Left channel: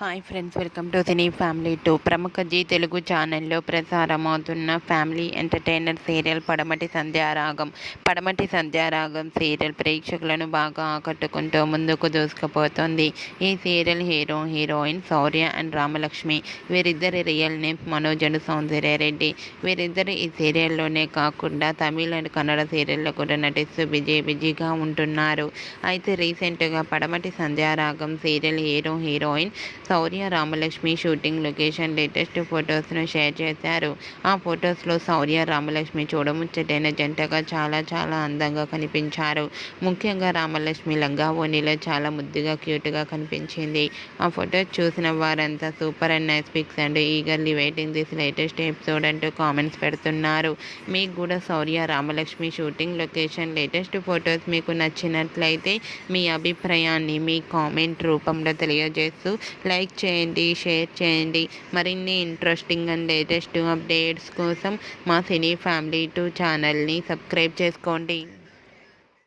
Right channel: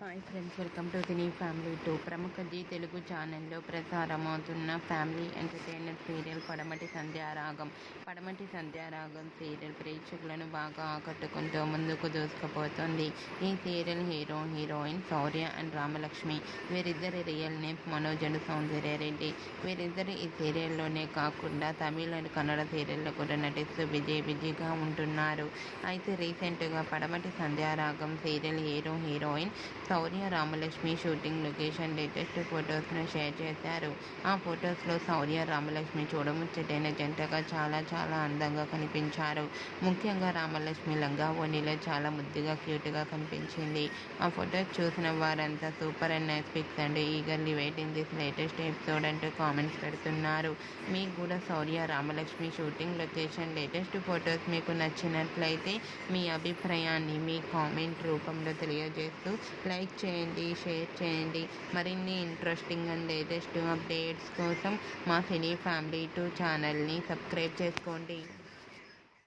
Hi friends, welcome to cine family two. ప్రముఖ G Telugu ఛానల్లో ప్రసారమవుతున్న family entertainer serial పడమటి Sandhyaragam serial ప్రేక్షకులను బాగా ఆకట్టుకుంటూ ముందుకు దూసుకుపోతుంది. ఈ serial heroine Shaurya and Ramalakshmi. వీరిద్దరి real name Manoj and Soundarya Reddy. వీరిద్దరు ఈ సీరియల్లోనే కాకుండా తమిళ అండ్ కన్నడ సీరియల్లో కూడా నటిస్తూ బిజీగా ఉంటున్నారు. అయితే రీసెంట్గా Padamati Sandhyaragam serial heroine Shourya Ramalakshmi shooting location latest ఫొటోస్ను షేర్ చేశారు. ఆ ఫొటోస్లో శౌర్య రామలక్ష్మి చూడముచ్చటైన జంటగా చాలా అందంగా కనిపించారు. ముఖ్యంగా రామలక్ష్మి లంగా ఓణిలో చాలా ముద్దుగా క్యూట్గా కనిపించింది. ఆ ఫొటోస్ చూసిన వారంతా super and nice pics and eagerly waiting this latest episode అంటూ కామెంట్స్ పెడుతున్నారు. మీకు కూడా Shourya Ramalakshmi shooting location latest photos మీకు నచ్చినట్లయితే మీ అభిప్రాయాన్ని మీ కామెంట్ రూపంలో తెలియజేస్తూ లైక్ చేయండి, షేర్ చేయండి. మరిన్ని ఇంట్రెస్టింగ్ అండ్ లేటెస్ట్ అప్డేట్స్ కోసం మా సినీ ఫ్యామిలీ 2 ఛానల్ని సబ్స్క్రైబ్ చేసుకోండి.